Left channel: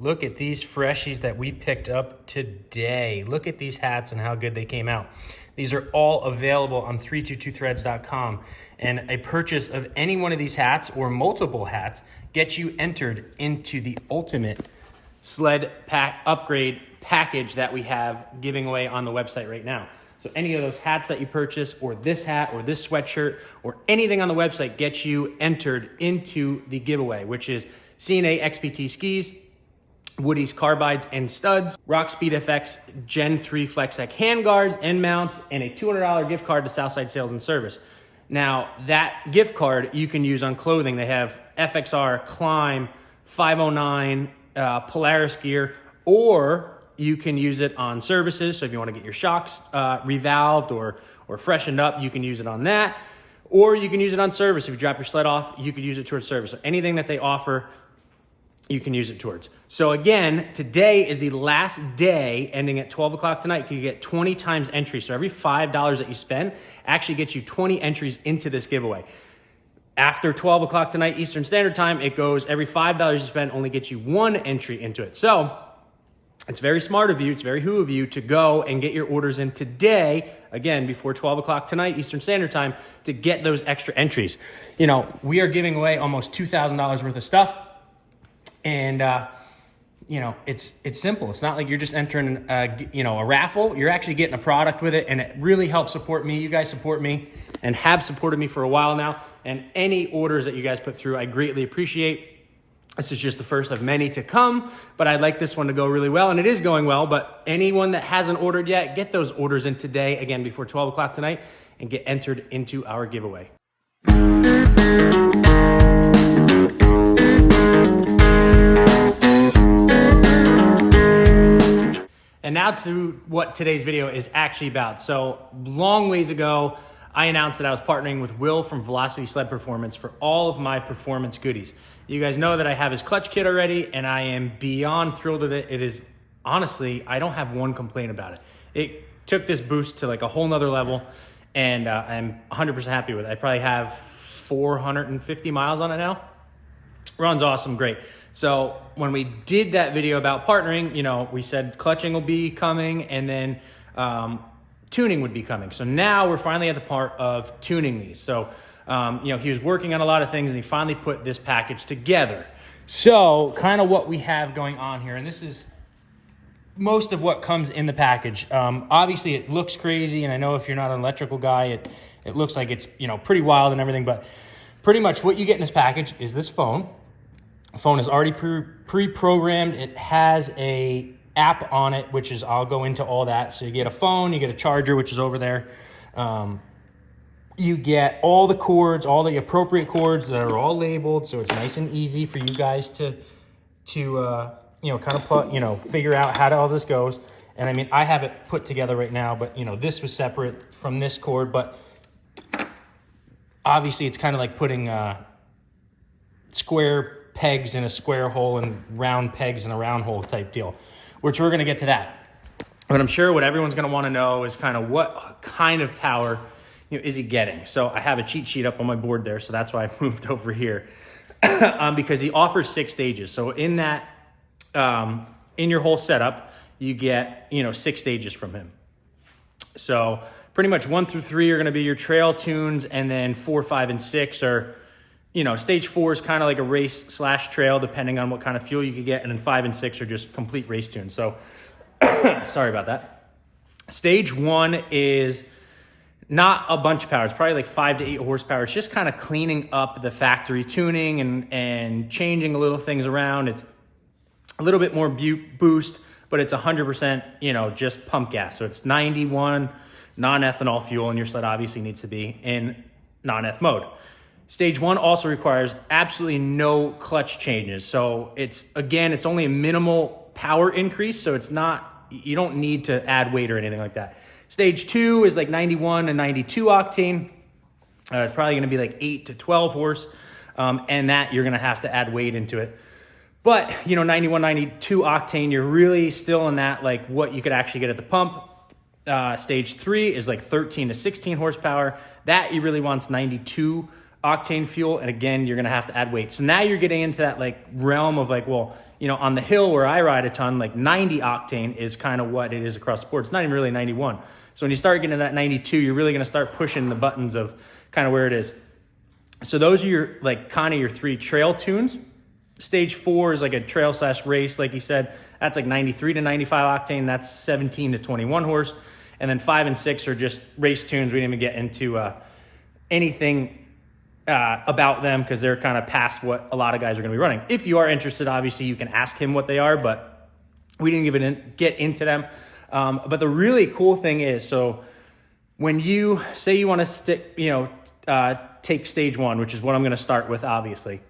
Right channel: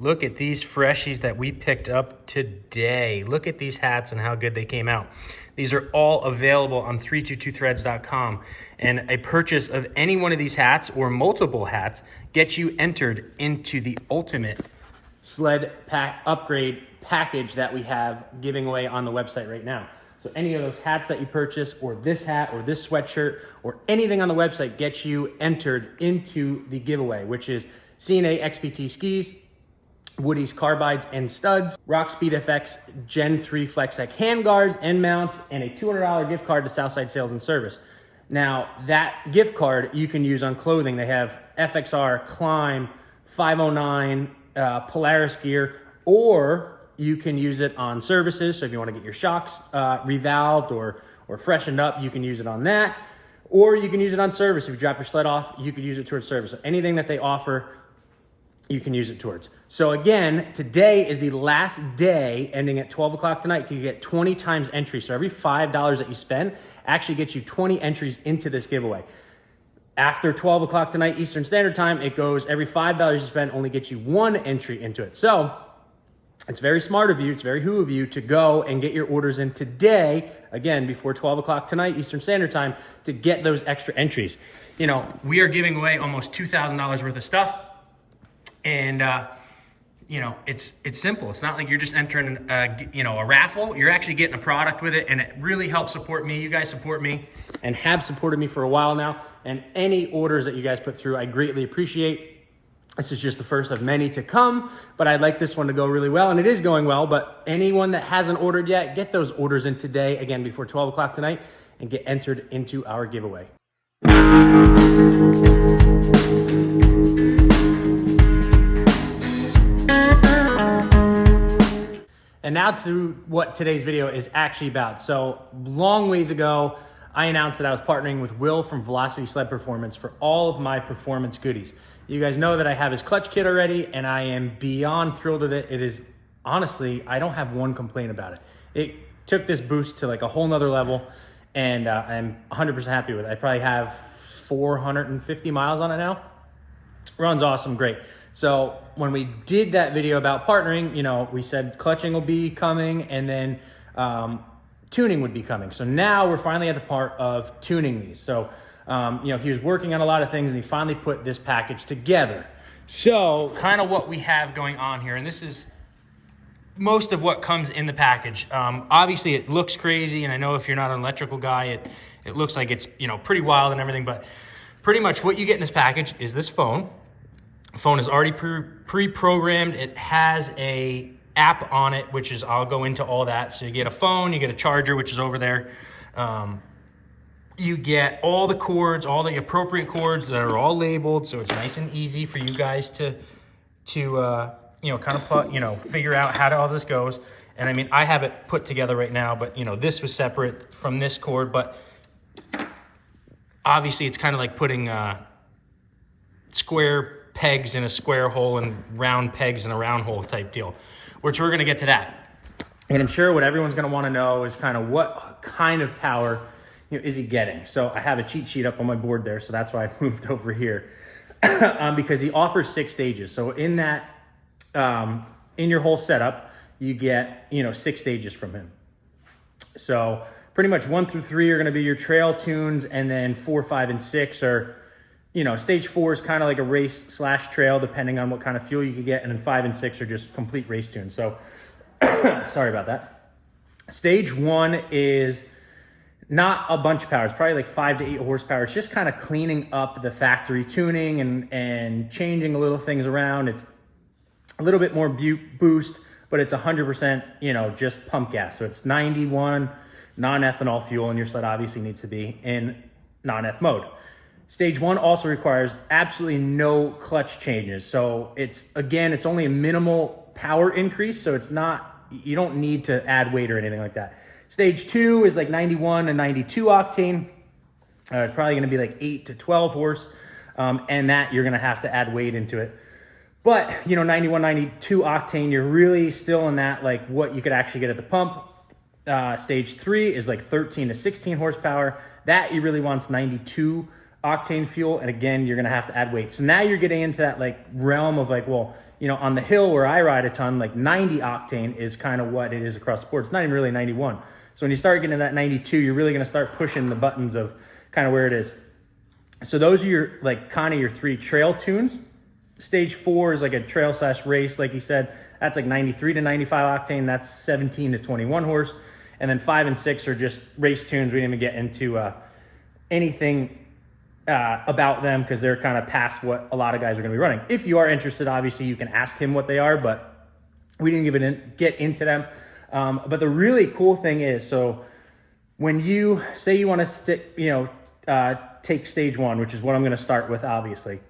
Look at these freshies that we picked up today. Look at these hats and how good they came out. These are all available on 322threads.com. And a purchase of any one of these hats or multiple hats gets you entered into the ultimate sled pack upgrade package that we have giving away on the website right now. So any of those hats that you purchase, or this hat, or this sweatshirt, or anything on the website gets you entered into the giveaway, which is C&A XPT skis, Woody's carbides and studs, Rockspeed FX Gen 3 FlexTech handguards and mounts, and a $200 gift card to Southside Sales and Service. Now, that gift card you can use on clothing. They have FXR, Climb, 509, Polaris gear, or you can use it on services. So if you want to get your shocks revalved or freshened up, you can use it on that. Or you can use it on service. If you drop your sled off, you could use it towards service. So anything that they offer, you can use it towards. So again, today is the last day, ending at 12 o'clock tonight. You get 20 times entry. So every $5 that you spend actually gets you 20 entries into this giveaway. After 12 o'clock tonight, Eastern Standard Time, it goes every $5 you spend only gets you 1 entry into it. So it's very smart of you, it's very who of you to go and get your orders in today, again, before 12 o'clock tonight, Eastern Standard Time, to get those extra entries. You know, we are giving away almost $2,000 worth of stuff. And, you know, it's simple. It's not like you're just entering, a raffle. You're actually getting a product with it, and it really helps support me. You guys support me and have supported me for a while now. And any orders that you guys put through, I greatly appreciate. This is just the first of many to come, but I'd like this one to go really well, and it is going well. But anyone that hasn't ordered yet, get those orders in today, again, before 12 o'clock tonight, and get entered into our giveaway. And now to what today's video is actually about. So long ways ago, I announced that I was partnering with Will from Velocity Sled Performance for all of my performance goodies. You guys know that I have his clutch kit already, and I am beyond thrilled with it. It is, honestly, I don't have one complaint about it. It took this boost to like a whole nother level, and I'm 100% happy with it. I probably have 450 miles on it now. Runs awesome, great. So when we did that video about partnering, you know, we said clutching will be coming, and then tuning would be coming. So now we're finally at the part of tuning these. So, he was working on a lot of things, and he finally put this package together. So kind of what we have going on here, and this is most of what comes in the package. Obviously it looks crazy, and I know if you're not an electrical guy, it looks like it's, pretty wild and everything, but pretty much what you get in this package is this phone. The phone is already pre-programmed. It has a app on it, which is, I'll go into all that. So you get a phone, you get a charger, which is over there. You get all the cords, all the appropriate cords that are all labeled. So it's nice and easy for you guys to kind of plug, figure out how all this goes. And I mean, I have it put together right now, but this was separate from this cord, but obviously it's kind of like putting square pegs in a square hole and round pegs in a round hole type deal, which we're going to get to that. But I'm sure what everyone's going to want to know is kind of what kind of power is he getting. So I have a cheat sheet up on my board there, so that's why I moved over here. Because he offers 6 stages. So in that, in your whole setup, you get 6 stages from him. So pretty much 1 through 3 are going to be your trail tunes, and then 4, 5, and 6 are stage 4 is kind of like a race/trail, depending on what kind of fuel you could get. And then 5 and 6 are just complete race tunes. So, sorry about that. Stage 1 is not a bunch of power. It's probably like 5 to 8 horsepower. It's just kind of cleaning up the factory tuning and changing a little things around. It's a little bit more boost, but it's 100%, just pump gas. So it's 91 non-ethanol fuel, and your sled obviously needs to be in non-eth mode. Stage 1 also requires absolutely no clutch changes. So it's only a minimal power increase. So you don't need to add weight or anything like that. Stage 2 is like 91 and 92 octane. It's probably gonna be like 8 to 12 horse. And that you're gonna have to add weight into it. But 91, 92 octane, you're really still in that, like what you could actually get at the pump. Stage 3 is like 13 to 16 horsepower. That you really wants 92 octane fuel, and again, you're gonna have to add weight. So now you're getting into that like realm of like, well, you know, on the hill where I ride a ton, like 90 octane is kind of what it is across the board. It's not even really 91. So when you start getting to that 92, you're really going to start pushing the buttons of kind of where it is. So those are your, like, kind of your 3 trail tunes. Stage 4 is like a trail / race, like you said. That's like 93 to 95 octane. That's 17 to 21 horse. And then 5 and 6 are just race tunes. We didn't even get into anything about them because they're kind of past what a lot of guys are going to be running. If you are interested, obviously you can ask him what they are, but we didn't get into them. But the really cool thing is, so when you say you want to take stage 1, which is what I'm going to start with, obviously,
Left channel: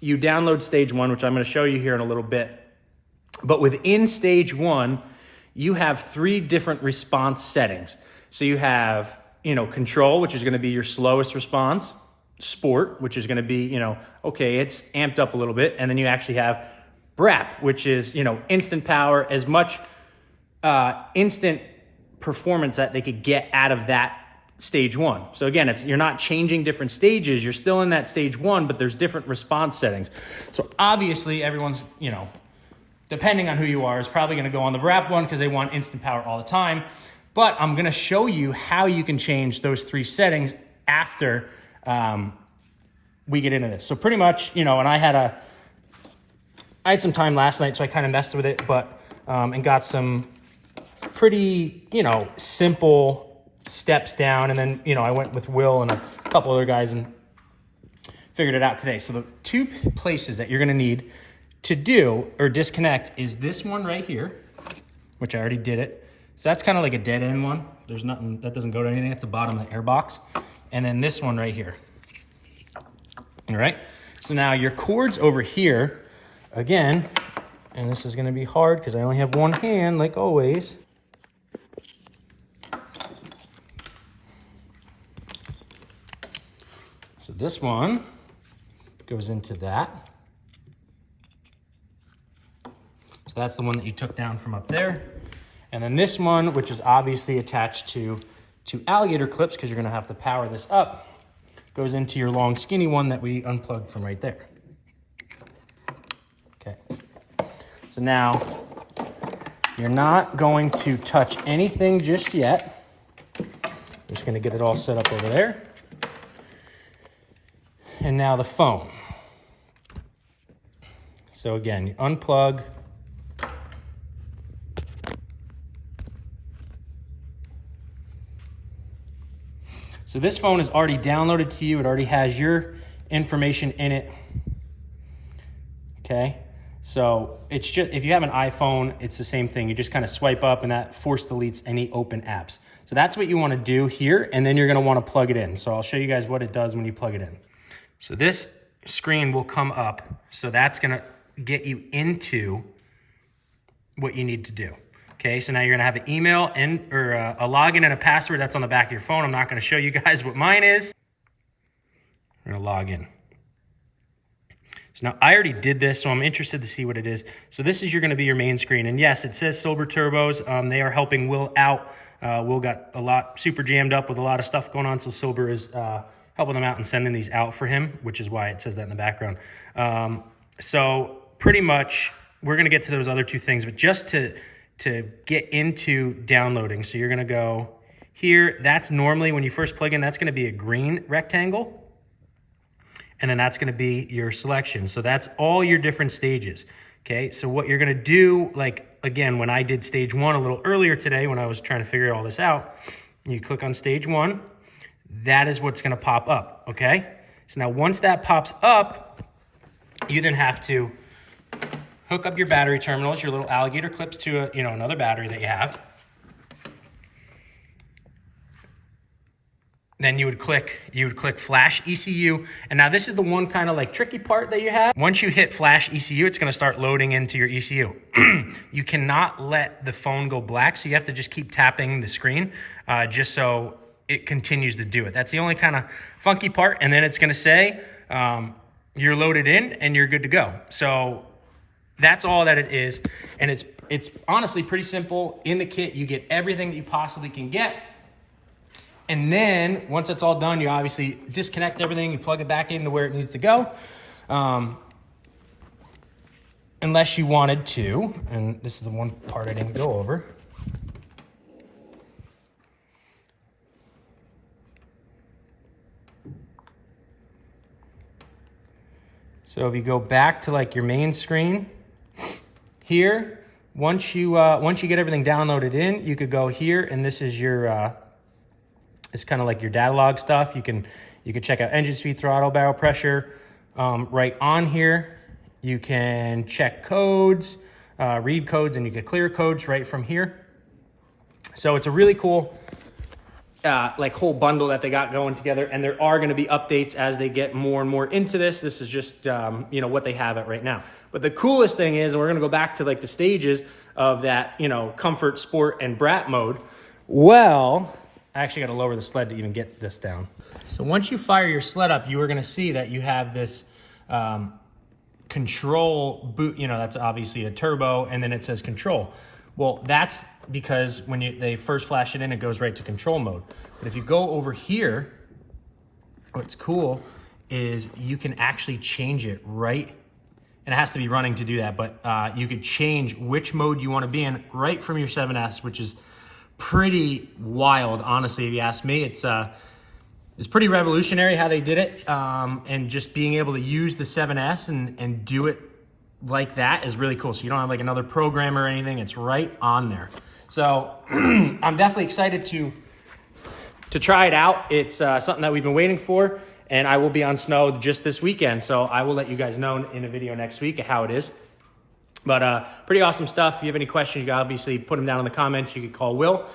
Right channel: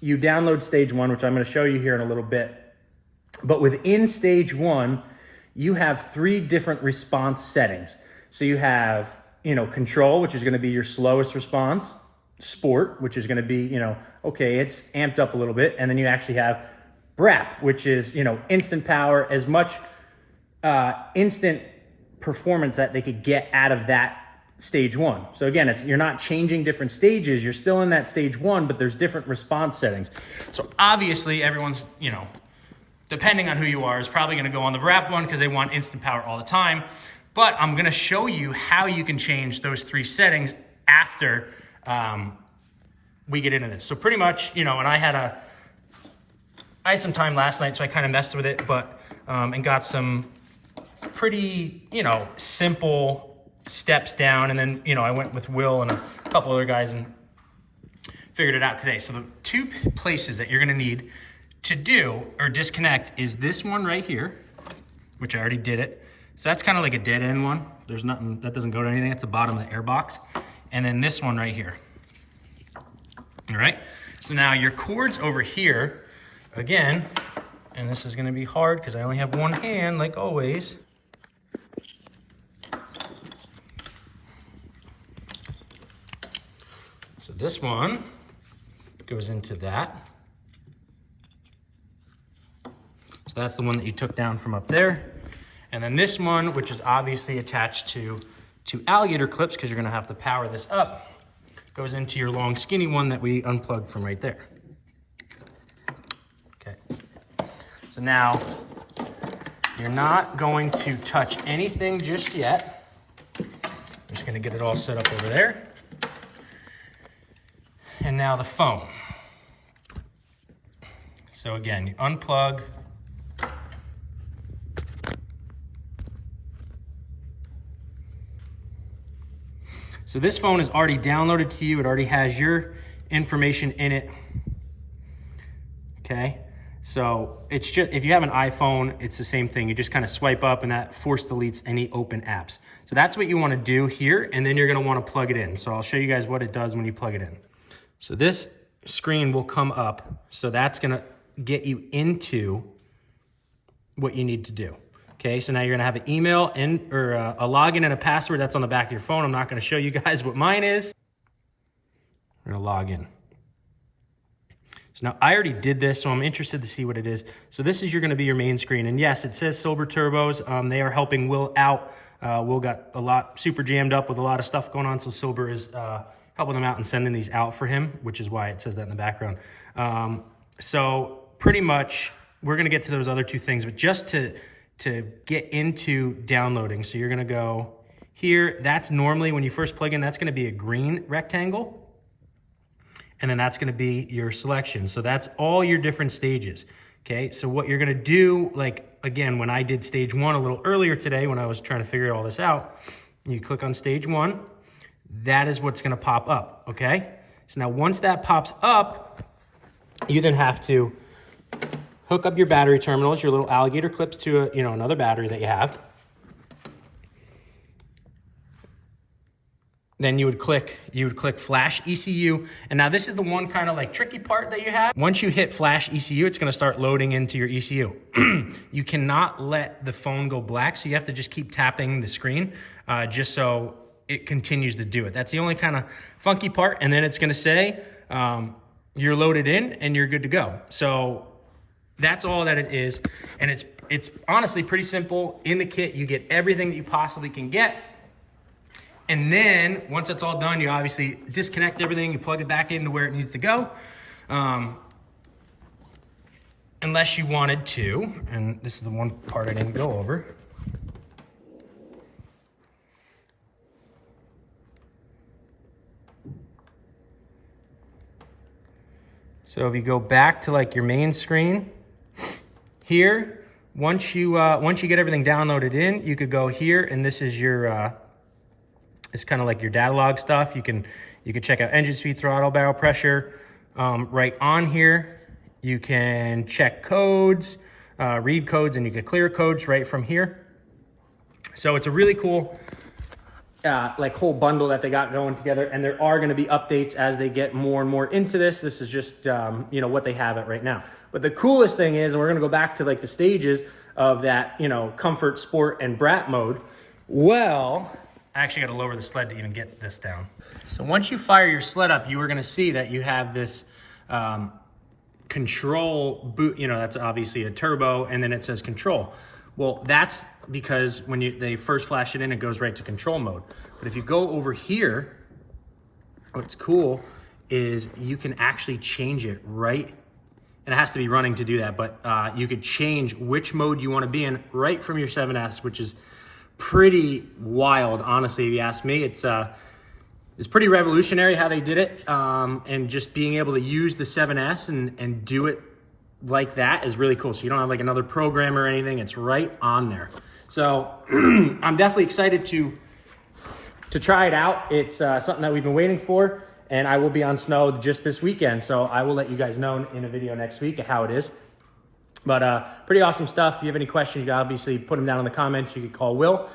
you download stage 1, which I'm going to show you here in a little bit. But within stage 1, you have 3 different response settings. So you have, control, which is going to be your slowest response, sport, which is going to be, okay, it's amped up a little bit. And then you actually have BRAP, which is, instant power, as much instant performance that they could get out of that stage 1. So again, you're not changing different stages. You're still in that stage 1, but there's different response settings. So obviously everyone's, depending on who you are, is probably going to go on the BRAP one because they want instant power all the time. But I'm going to show you how you can change those 3 settings after we get into this. So pretty much, and I had some time last night, so I kind of messed with it, but and got some pretty, simple steps down. And then, I went with Will and a couple other guys and figured it out today. So the 2 places that you're going to need to do or disconnect is this one right here, which I already did it. So that's kind of like a dead end one. There's nothing, that doesn't go to anything. That's the bottom of the air box. And then this one right here. All right. So now your cords over here, again, and this is going to be hard because I only have one hand, like always. So this one goes into that. So that's the one that you took down from up there. And then this one, which is obviously attached to 2 alligator clips because you're going to have to power this up, goes into your long skinny one that we unplugged from right there. Okay. So now you're not going to touch anything just yet. I'm just going to get it all set up over there. And now the phone. So again, you unplug. So this phone is already downloaded to you. It already has your information in it. Okay. So it's just, if you have an iPhone, it's the same thing. You just kind of swipe up and that force deletes any open apps. So that's what you want to do here. And then you're going to want to plug it in. So I'll show you guys what it does when you plug it in. So this screen will come up. So that's going to get you into what you need to do. Okay, so now you're going to have an email and or a login and a password that's on the back of your phone. I'm not going to show you guys what mine is. I'm going to log in. So now I already did this, so I'm interested to see what it is. So this is going to be your main screen. And yes, it says Silver Turbos. They are helping Will out. Will got super jammed up with a lot of stuff going on. So Silver is helping them out and sending these out for him, which is why it says that in the background. So pretty much we're going to get to those other 2 things, but just to get into downloading. So you're going to go here. That's normally when you first plug in, that's going to be a green rectangle. And then that's going to be your selection. So that's all your different stages. Okay. So what you're going to do, like, again, when I did stage 1 a little earlier today, when I was trying to figure all this out, you click on stage 1, that is what's going to pop up. Okay. So now once that pops up, you then have to hook up your battery terminals, your little alligator clips to another battery that you have. Then you would click flash ECU. And now this is the one kind of like tricky part that you have. Once you hit flash ECU, it's going to start loading into your ECU. You cannot let the phone go black, so you have to just keep tapping the screen just so it continues to do it. That's the only kind of funky part. And then it's going to say you're loaded in and you're good to go. So that's all that it is. And it's honestly pretty simple. In the kit, you get everything that you possibly can get. And then once it's all done, you obviously disconnect everything. You plug it back into where it needs to go. unless you wanted to, and this is the one part I didn't go over. So if you go back to like your main screen here, once you get everything downloaded in, you could go here, and this is your it's kind of like your data log stuff. You can check out engine speed, throttle, barrel pressure. Right on here, you can check codes, read codes, and you can clear codes right from here. So it's a really cool like whole bundle that they got going together, and there are going to be updates as they get more and more into this. This is just you know, what they have it right now. But the coolest thing is, and we're going to go back to like the stages of that, you know, comfort, sport, and brat mode. Well, I actually got to lower the sled to even get this down. So once you fire your sled up, you are going to see that you have this control boot. You know, that's obviously a turbo, and then it says control. Well, that's because when they first flash it in, it goes right to control mode. But if you go over here, what's cool is you can actually change it right, and it has to be running to do that, but you could change which mode you want to be in right from your 7S, which is pretty wild, honestly, if you ask me. It's pretty revolutionary how they did it, and just being able to use the 7S and do it like that is really cool. So you don't have like another program or anything. It's right on there. So I'm definitely excited to try it out. It's something that we've been waiting for, and I will be on snow just this weekend. So I will let you guys know in a video next week how it is. But pretty awesome stuff. If you have any questions, you can obviously put them down in the comments. You can call Will.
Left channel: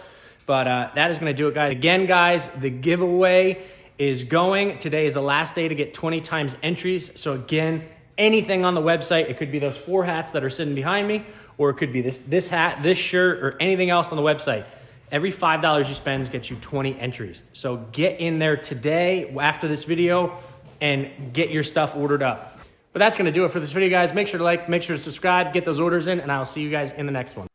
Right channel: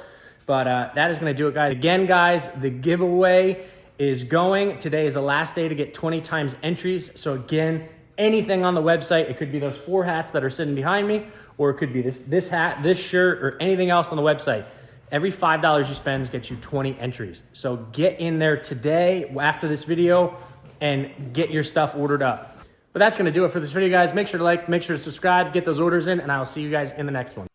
But that is going to do it, guys. Again, guys, the giveaway is going. Today is the last day to get 20 times entries. So again, anything on the website, it could be those 4 hats that are sitting behind me, or it could be this hat, this shirt, or anything else on the website. Every $5 you spend gets you 20 entries. So get in there today after this video and get your stuff ordered up. But that's going to do it for this video, guys. Make sure to like, make sure to subscribe, get those orders in, and I'll see you guys in the next one.